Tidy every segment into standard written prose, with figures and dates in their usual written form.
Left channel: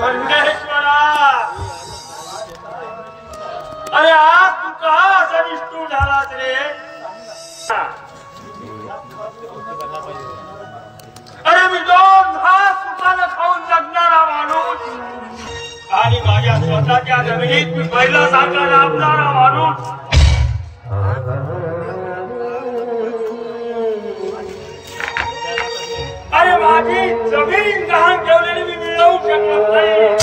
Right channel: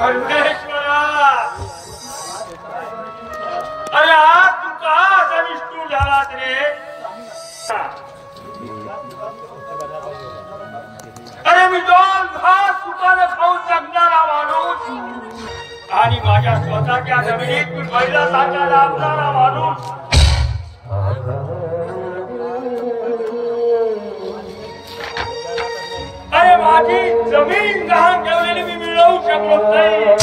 परमेश्वरा अरे आज तू का असा निष्ठूर झालास रे? अरे मी 2 घास सुखाने खाऊन जगणारा माणूस आणि माझ्या स्वतःच्या जमिनीत मी पहिला साखर लाभणारा माणूस. अरे माझी जमीन गहाण ठेवलेली मी मिळवू शकलो नाही.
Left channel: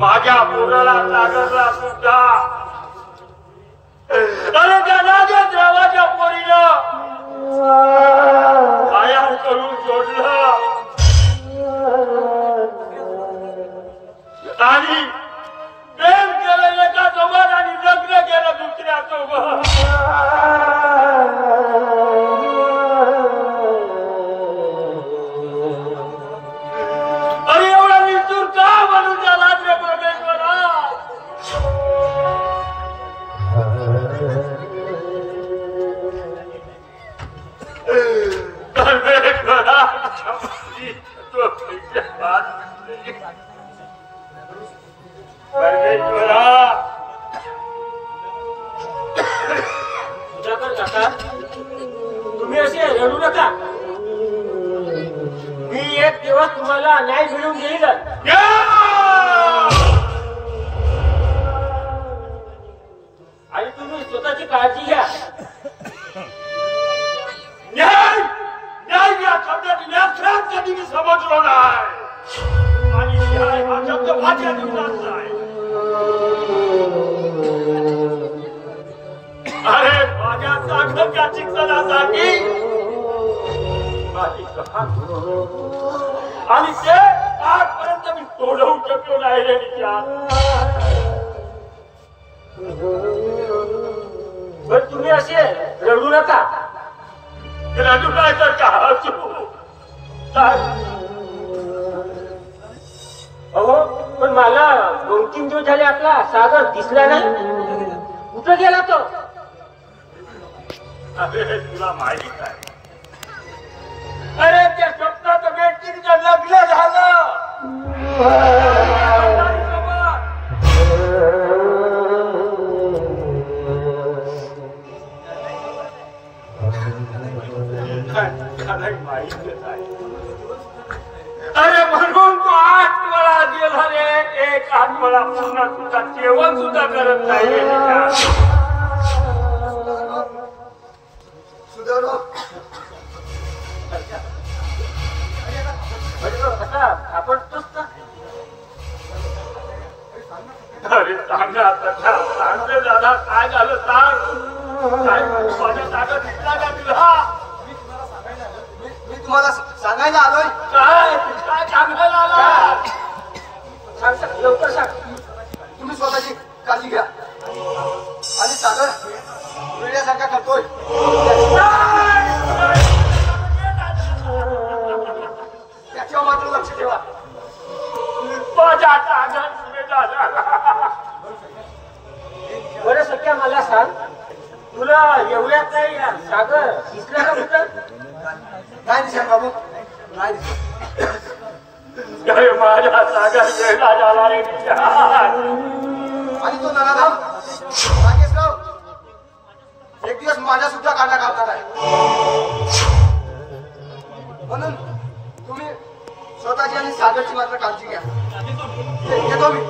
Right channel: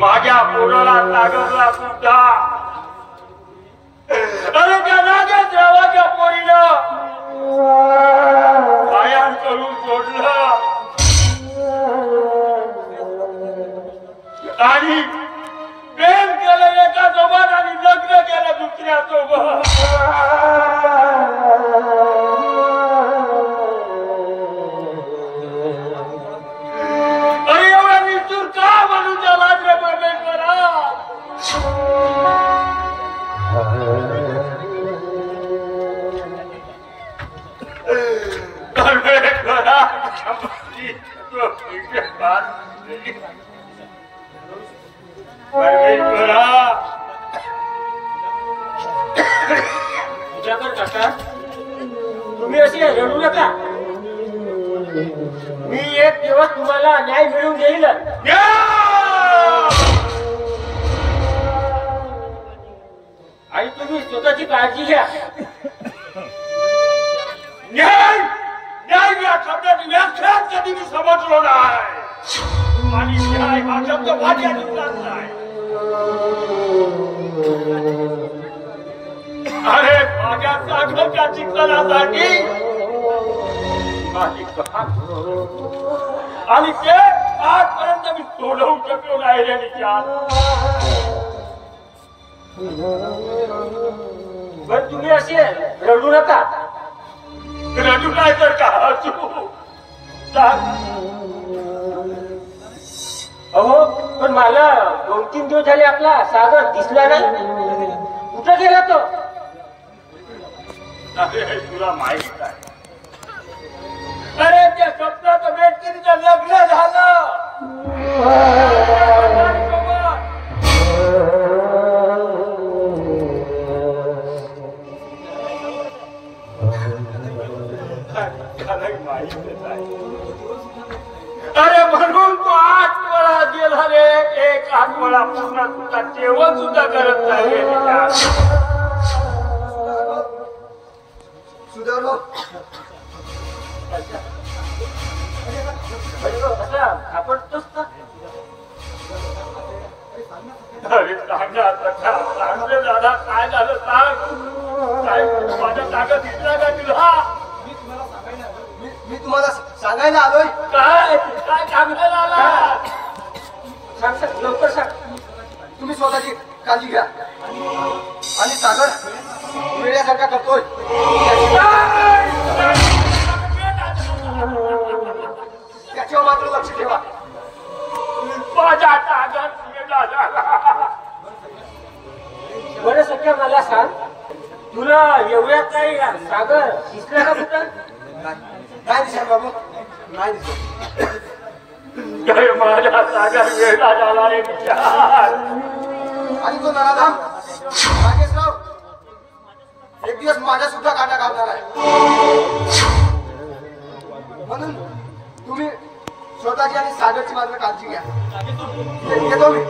माझ्या पोराला नागरला सुद्धा अरे त्या नागर देवाच्या पोरीनं कायम करून सोडलं आणि प्रेम केलं एका सोबत आणि लग्न केलं दुसऱ्या सोबत. अरे एवढा विस्तूर का बनून झाला रे परमेश्वरा? परमेश्वरा सुधाकर काका तुम्ही असे रडू नका. मी एक दिवस तुम्हाला न्याय मिळवून देईल. आणि तुम्ही स्वतःची काळजी घ्या. न्याय न्याय या शब्दाची व्याख्या कधी मी समजलो नाही आणि न्याय हा शब्द माझ्या जीवनात नाही. अरे माझ्या सागरच्या शिक्षणासाठी आणि ते आजपर्यंत मी सोडवू शकलो नाही रे विचार. बरं तुम्ही असे रडू नका. रडू नाही तर का अहो पण मला 2-3 दिवस झाले आपला सागर दिसला नाही. कुठं गेला तो? अरे तुला माहिती आहे अरे त्या स्वप्नात व्यक्तीचं लग्न झालं. अरे म्हणून तो 8 वेळा गेला रे. एक 8 वेळा पूर्ण सुद्धा जेवण सुद्धा करत नाही. अरे सांगा सांगते दादा काय झालं सांग. माझ्या ताकद दिसला का तुला? मी तुम्हाला सांगायला आलोय. काय काय सांगायला आला? सांग लवकर सांग. तुम्ही स्वतःची काळजी घ्या आणि सागर वेड्यासारखा करतोय त्याच्यावर मात्र लक्ष ठेवा. माझ्या ताकद बरं सध्या मला सांग तुला एवढ्यात तरी सागर दिसला का कुठं? नाही दिसा बाबू नाही दिसा. माझ्या सागर वेळा झाला रे विचार. आणि तो नराधम नागेशराव एक दिवस माझ्या सुद्धा काटा काढणार आहे. म्हणून तुम्ही स्वतःची आणि सागरची मात्र काळजी घ्या. येतो मी.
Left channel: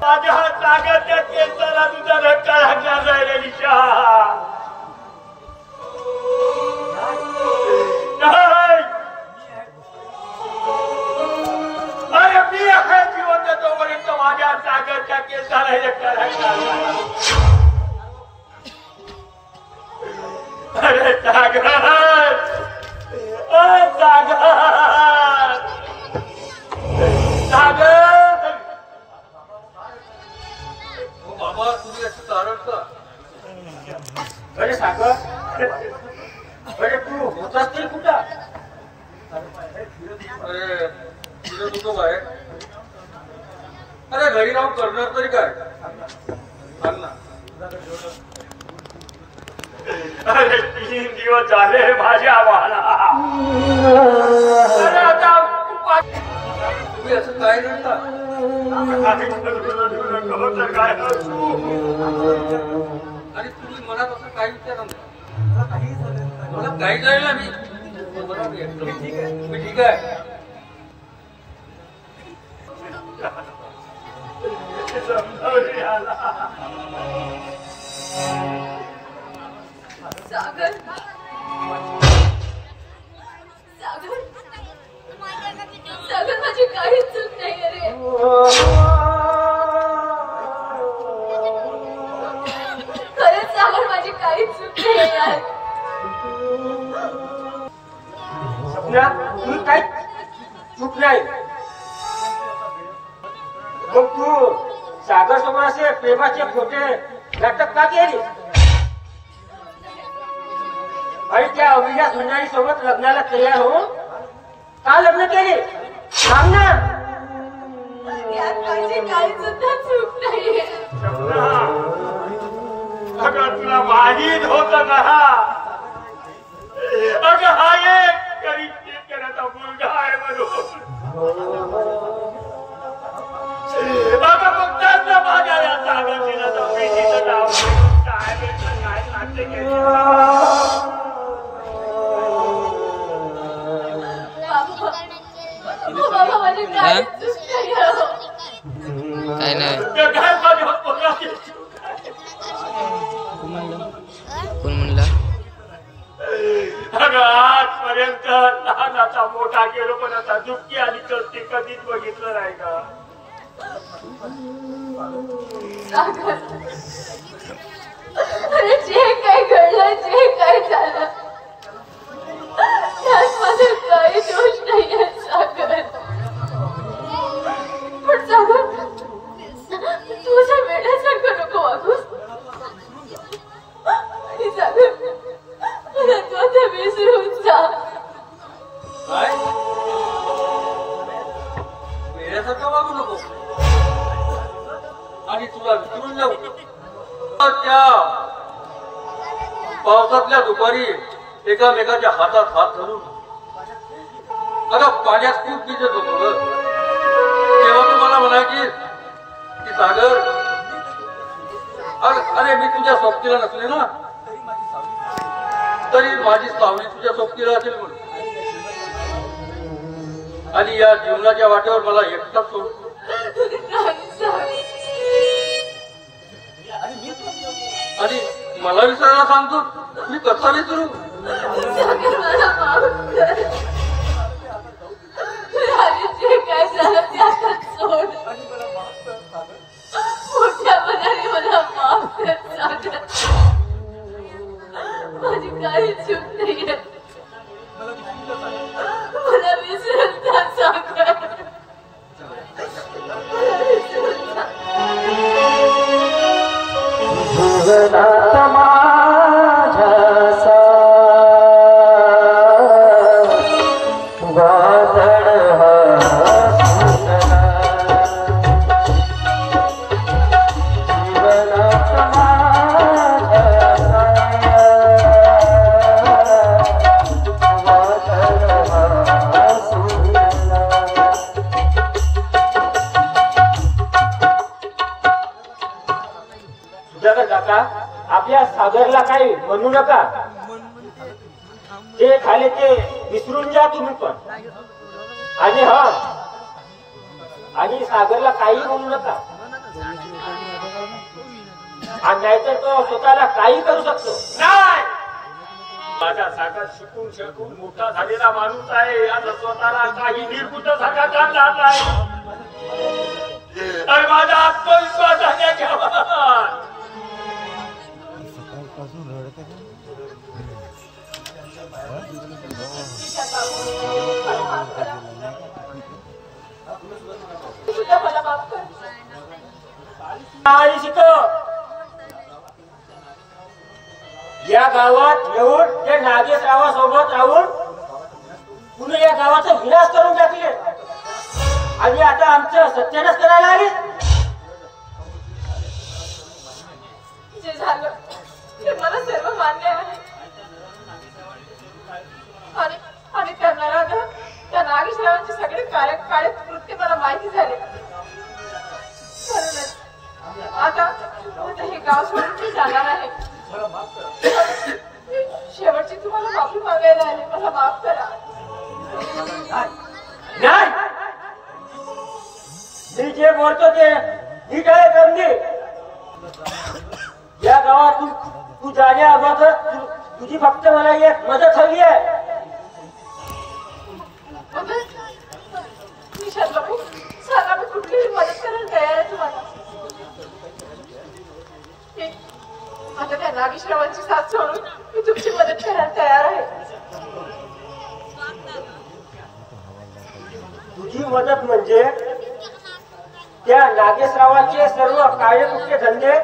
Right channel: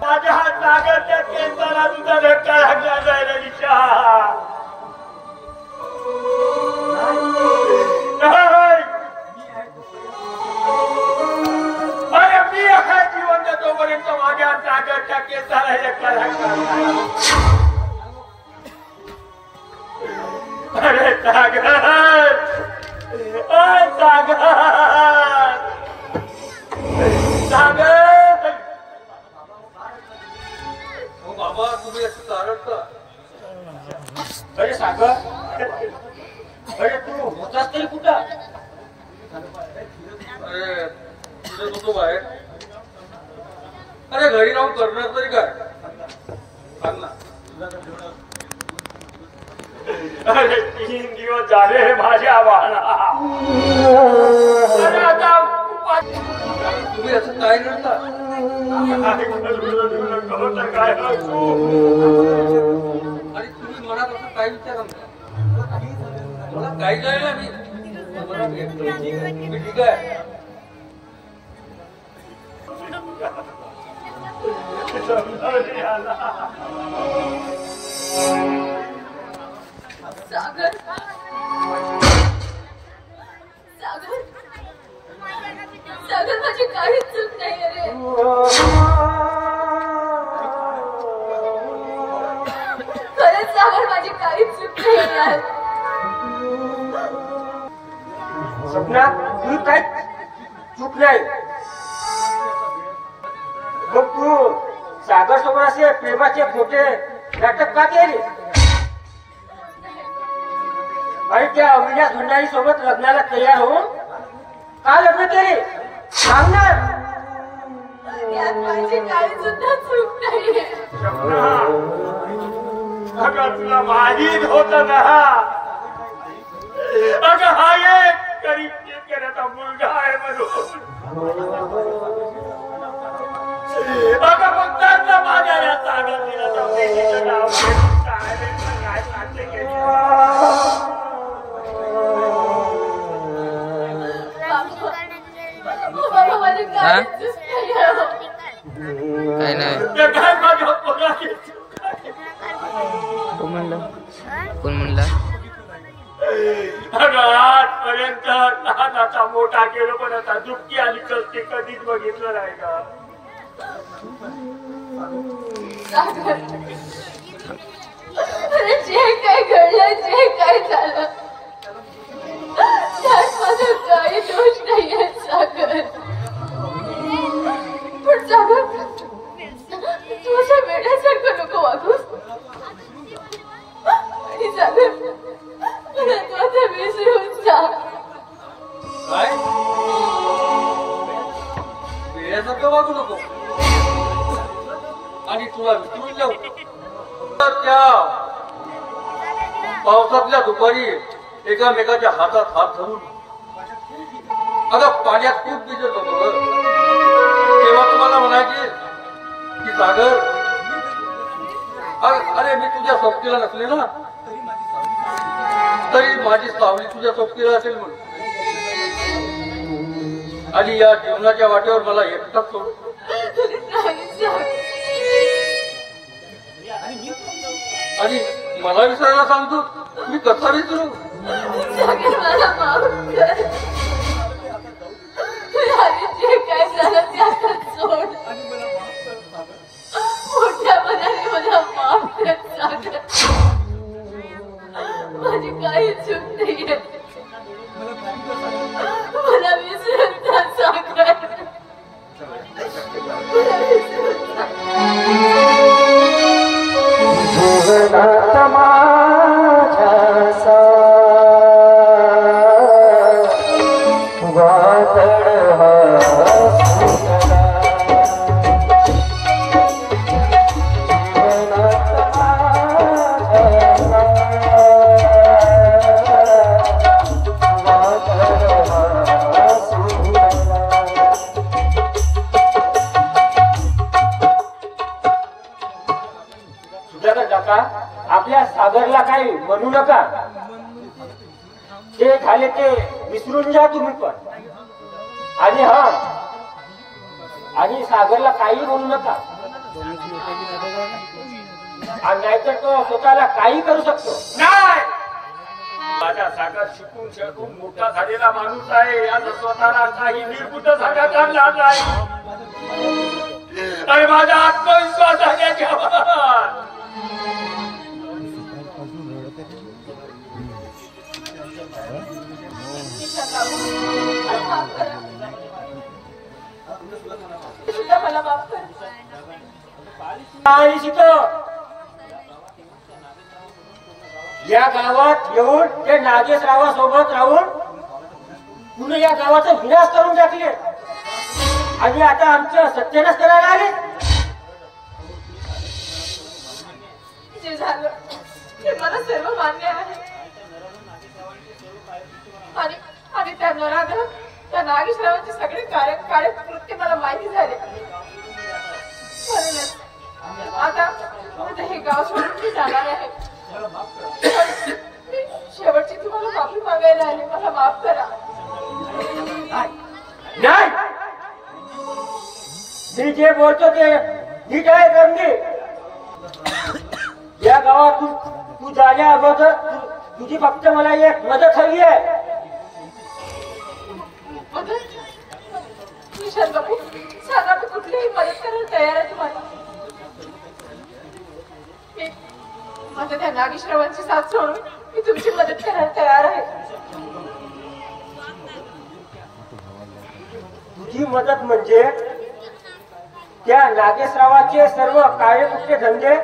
माझ्या सागरच्या केसाला तुझा धक्का लागला जाईल निशा. अरे मी आहे जिवंत तोपर्यंत माझ्या सागरच्या केसाला धक्का लागला. अरे सागर सागर सागर बाबा तुम्ही अरे सागर अरे तू होतास तरी कुठं? फिरत होतो बाहेर अरे घरी राहून करणार तरी काय सांग ना. अरे 3 दिवस झाले माझ्या बाळा. अरे आता तुम्ही असं काय करता. आणि तुम्ही मनात असं काय विचार मला काही जाईल मी ठीक आहे. सागर सागर सागर माझी काहीच चूक नाही रे. खरंच सागर माझी काहीच चूक नाही यार. सपना तुझी काय चूक नाही. मग तू सागर सोबत असे प्रेमाचे खोटे नाटक का केले आणि त्या अविनाश भंडारी सोबत लग्नाला तयार होऊन का लग्न केले सांग ना. यात माझी काही सुद्धा चूक नाही. अगं तुला माहीत होत ना अगं हा एक गरीब शेतकऱ्याचा मुलगा आहे म्हणून. अगं फक्त माझ्या या सागर दिला प्रेमीचं नाव काय नाट्य केलं. बाबा माझी काहीच चूक नाही. काय नाही. काय माझ्या पोराची चूक आहे. कोण म्हणला. अगं आजपर्यंत लहानाचा मोठा केलो पण आता दुःखी आणि कष्टी कधीच बघितलं नाही का. अरे जे काही घडलं जे काही झालं त्यात माझं काही दोष नाहीये सागर. पण सागर तुझ्या वेड्यासारखं नको वागूस. आणि सागर मला तू आता विसरून जा. काय वेड्यासारखं वागू नको आणि तुला विसरून जाऊ. त्या पावसातल्या दुपारी एकामेकाच्या हातात हात घालून अगं पाण्यात खूप भिजत होतो ग. तेव्हा तुम्हाला म्हणायची की सागर अरे मी तुझ्या सोबतीला नसले ना तरी माझी सावली तुझ्या सोबतीला असेल म्हणून. आणि या जीवनाच्या वाटेवर मला एकटाच सोड. आणि मला विसरायला सांगतो मी कसा विसरू. सागर मला माफ कर. जे काय झालं ते आता सोड. मोठ्या मनाने मला माफ कर सागर. माझी काही चूक नाहीये. मला विसरून जा सागर. आपल्या सागरला काही म्हणू नका. ते झाले ते विसरून जा तुम्ही पण. आणि आणि सागरला काही म्हणू नका. नाहीतर तो स्वतःला काही करू शकतो. नाही माझा सागर शिकून मोठा झालेला माणूस आहे. आता स्वतःला काही निर्बुद्ध साठा काढला नाही. आणि माझा आत्मविश्वास आहे त्याच्यावर. मला माफ कर. आणि शिक या गावात येऊन ते नागेशरावासोबत राहून पुन्हा या गावाचा विनाश करून टाकले. आणि आता आमचं सत्यानाश करायला आले. जे झालं ते मला सर्व मान्य आहे. आणि त्या नराधम त्या नागेशरावांचे सगळे काळे कृत्य मला माहिती झाले. आता हे गाव सोडून जाणार आहे. शेवटची तुम्हाला माफी मागायला आले. मला माफ करा. नाही, मी जे बोलतो ते मी काय करणे. या गावात तू जाण्या अगोदर तुझी फक्त मला एक मदत हवी आहे. सांगा, मी कुठलीही मदत करायला तयार आहे तुम्हाला. आता त्या नागेशरावांची साथ सोडून मी तुमची मदत करायला तयार आहे. तुझी मदत म्हणजे त्या नागेशरावांचे सर्व कार्यकुट्य धंदे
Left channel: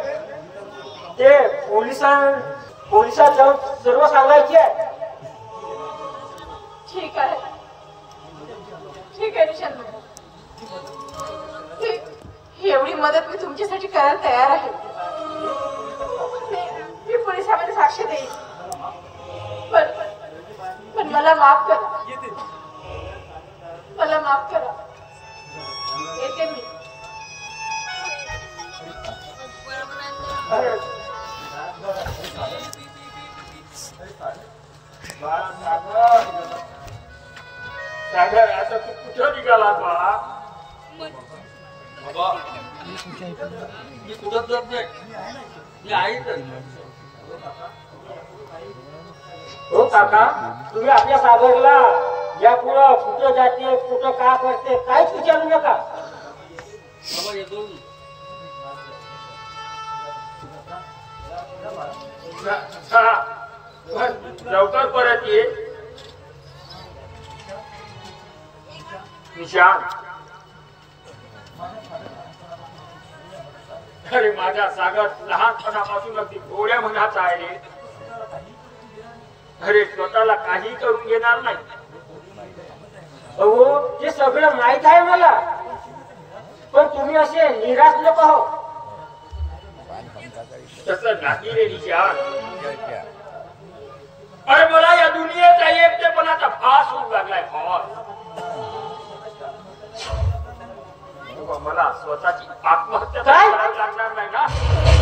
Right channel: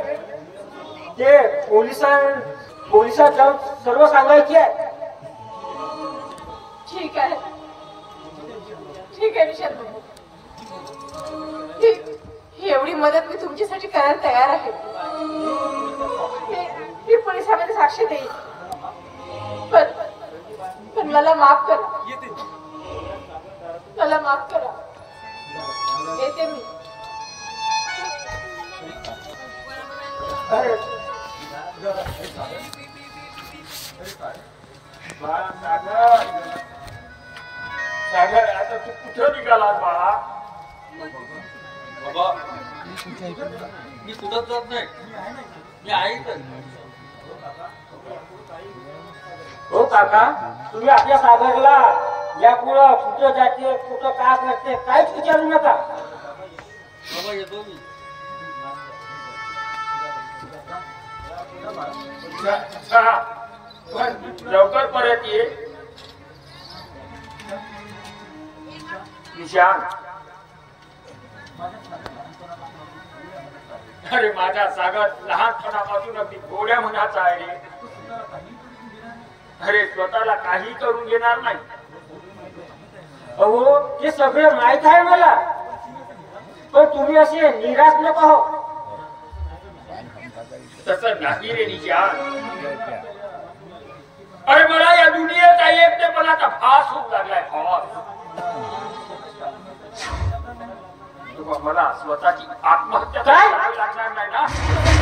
ते पोलिसात जाऊन सर्व सांगायचे आहे. ठीक आहे, ठीक आहे निशांत. एवढी मदत मी तुमच्यासाठी करायला तयार आहे. मी पोलिसांमध्ये साक्ष देईन. पण मला माफ करा. मला माफ करा. येते मी. सागर, आता तू कुठं निघालास बाळा? बाबा, मी कुठंच जात नाही. मी आहे तर. हो काका, तुम्ही आपल्या सागरला यापुढं कुठं जाते, कुठं काय करते काहीच विचारू नका. बाबा येतो मी. लवकर परत ये. निशान, अरे माझा सागर लहानपणापासून अगदी गोड्या मनाचा आहे. अरे स्वतःला काही करून घेणार नाही. अहो, ते सगळं माहित आहे मला. पण तुम्ही असे निराश नको हो. तसं नाही रे निशान. अरे मला या दुनियेचा एकटेपणाचा फास होऊ लागलाय. मला स्वतःची आत्महत्या करायला लागणार नाही ना.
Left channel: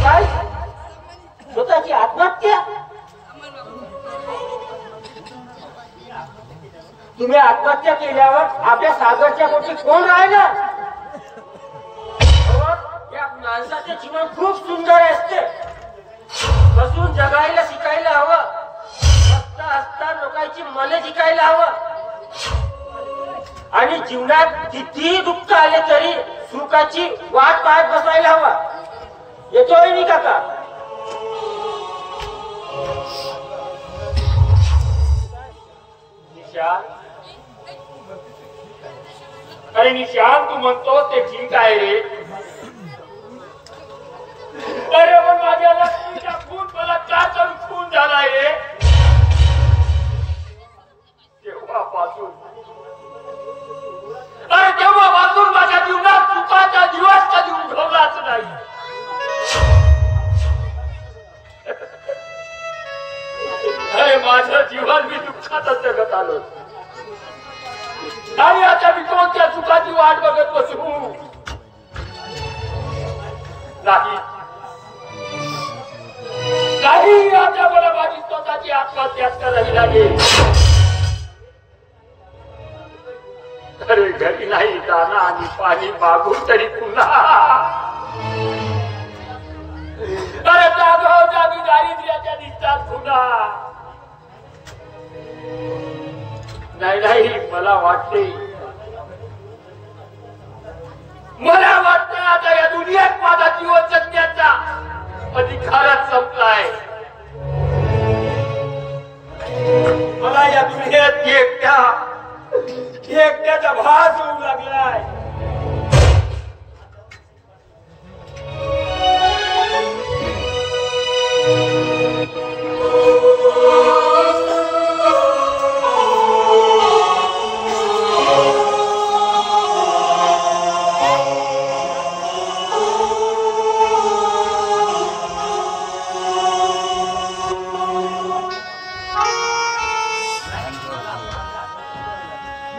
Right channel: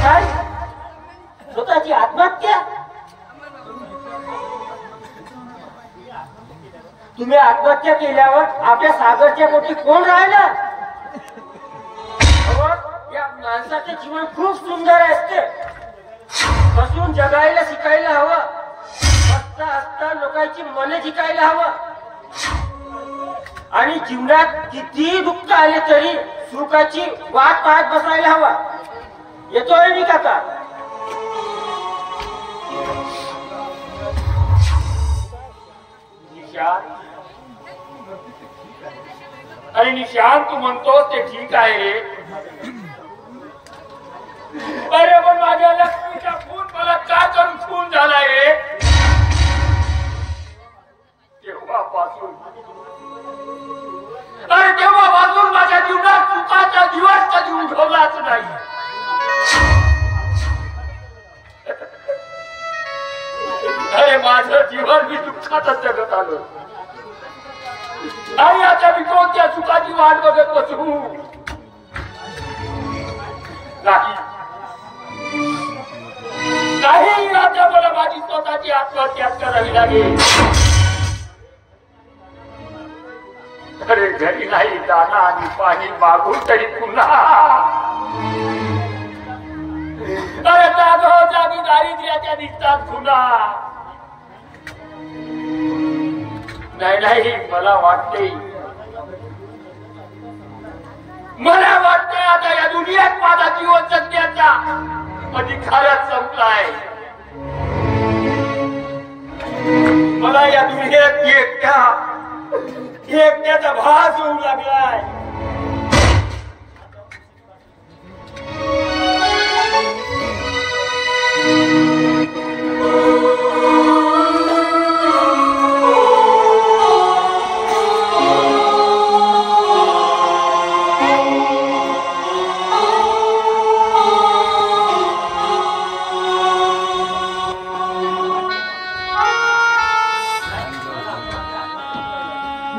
काय? स्वतःची आत्महत्या? तुम्ही आत्महत्या केल्यावर आपल्या सागरच्या पोटी कोण राहिलं? या माणसाचे जीवन खूप सुंदर असते. हसून जगायला शिकायला हवं. हसता हसता लोकांची मने जिंकायला हवं. आणि जीवनात किती दुःख आले तरी सुखाची वाट पाहत बसायला हवा. येतोय मी काका? निशान, अरे निशान, तू म्हणतोस ते ठीक आहे रे. अरे पण माझ्या लक्ष्मीचा खून बलात्कार करून खून झालाय रे. तेव्हापासून माझ्या जीवनात सुखाचा दिवस कधी उठवलाच नाही. अरे माझं जीवन मी दुःखातच जगत आलो. आणि आता मी कोणत्या सुखाची वाट बघत बसू? नाही, आता मला माझी स्वतःची आत्महत्या करावी लागेल. अरे घरी नाही दाना आणि पाणी मागून तरी पुन्हा. अरे जागोजागी दारिद्र्याच्या दिसतात पुन्हा. नाही, मला वाटते आता या दुनियेत माझा जीवन जगण्याचा अधिकारच संपलाय. मला या दुनियेत एकट्याचा भास होऊ लागलाय.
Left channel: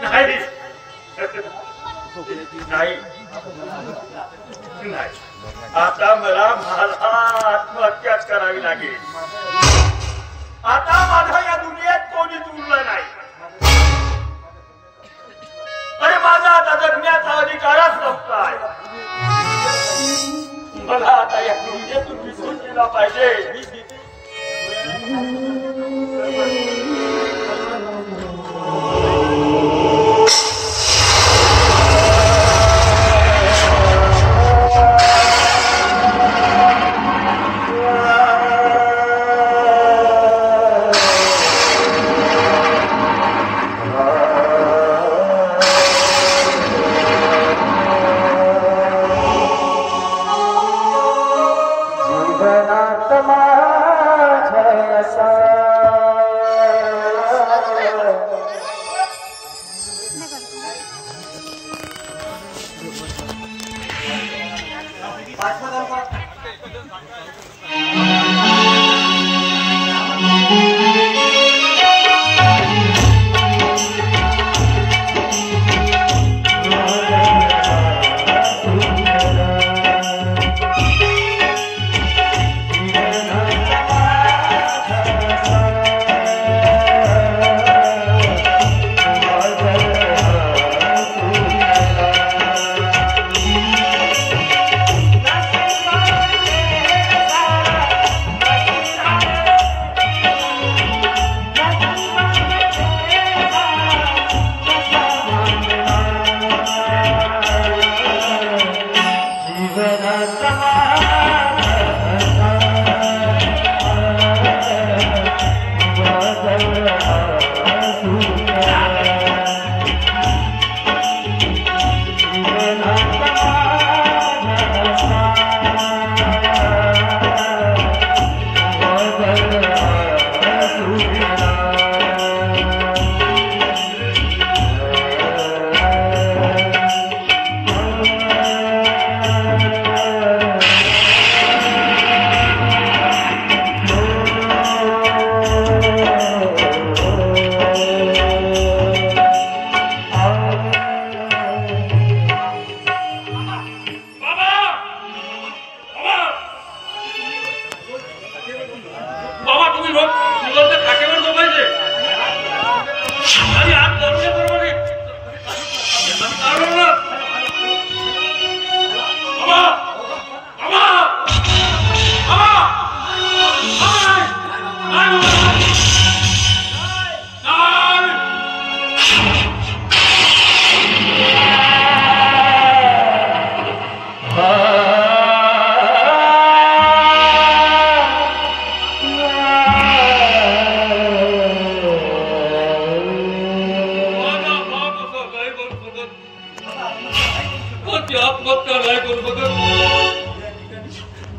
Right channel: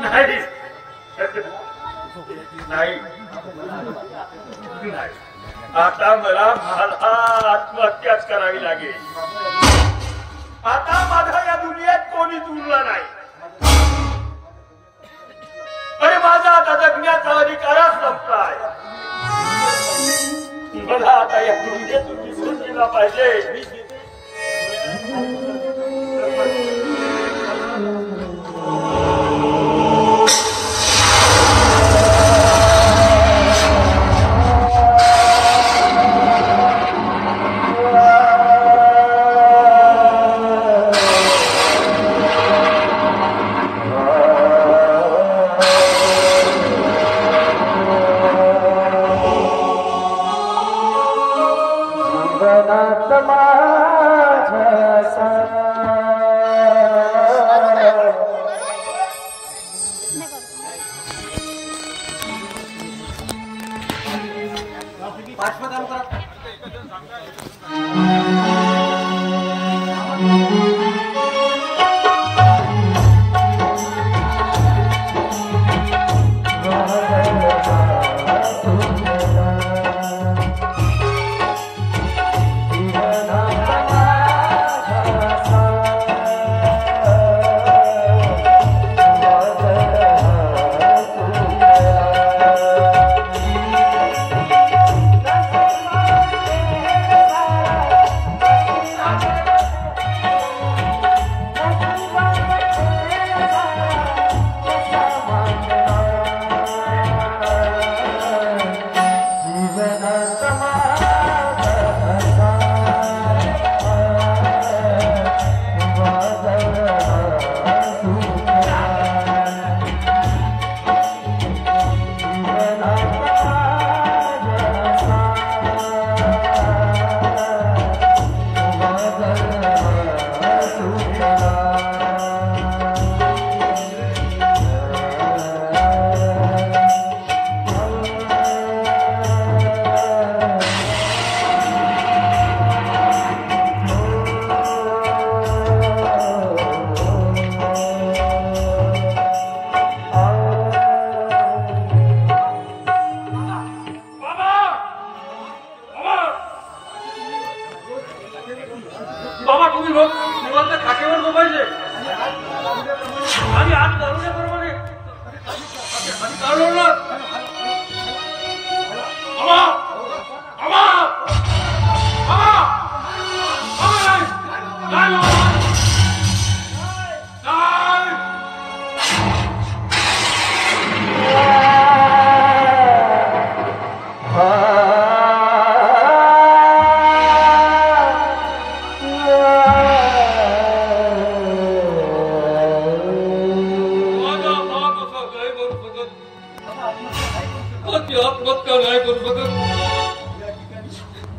नाही नाही नाही, आता मला माझा आत्महत्याच करावी लागेल. आता माझा या दुनियेत कोणीच उरला नाही. अरे माझा आता जगण्याचा अधिकारच संपलाय. मला आता या दुनियेतून विसरून गेला पाहिजे.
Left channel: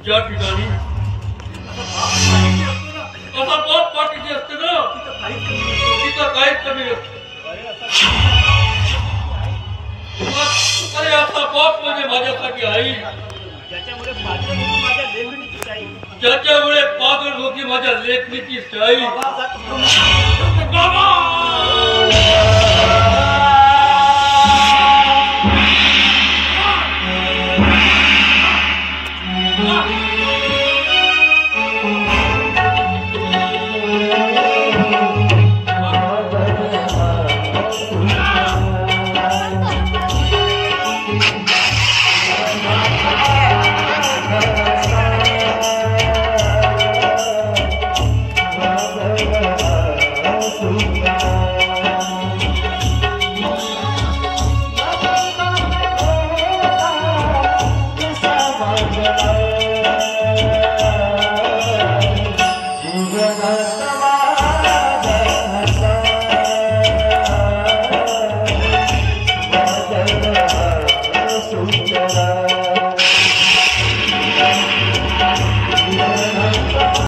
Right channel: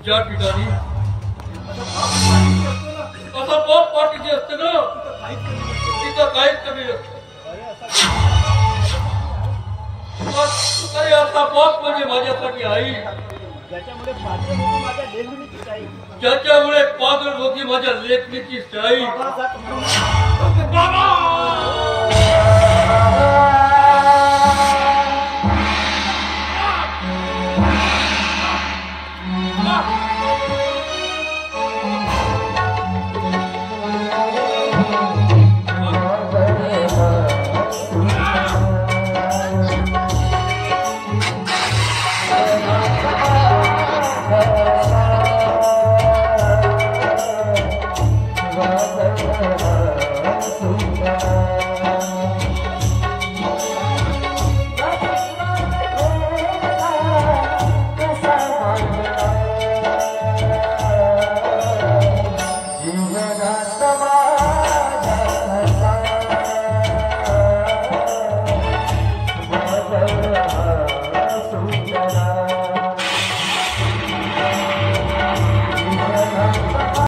ज्या ठिकाणी असा पॉप पार्टी जे असते ना तिथं काहीच कमी नसतं. अरे असा पॉप म्हणजे माझ्यासाठी आई, ज्याच्यामुळे पागल होती माझ्या लेखणीची शाई. जीवनात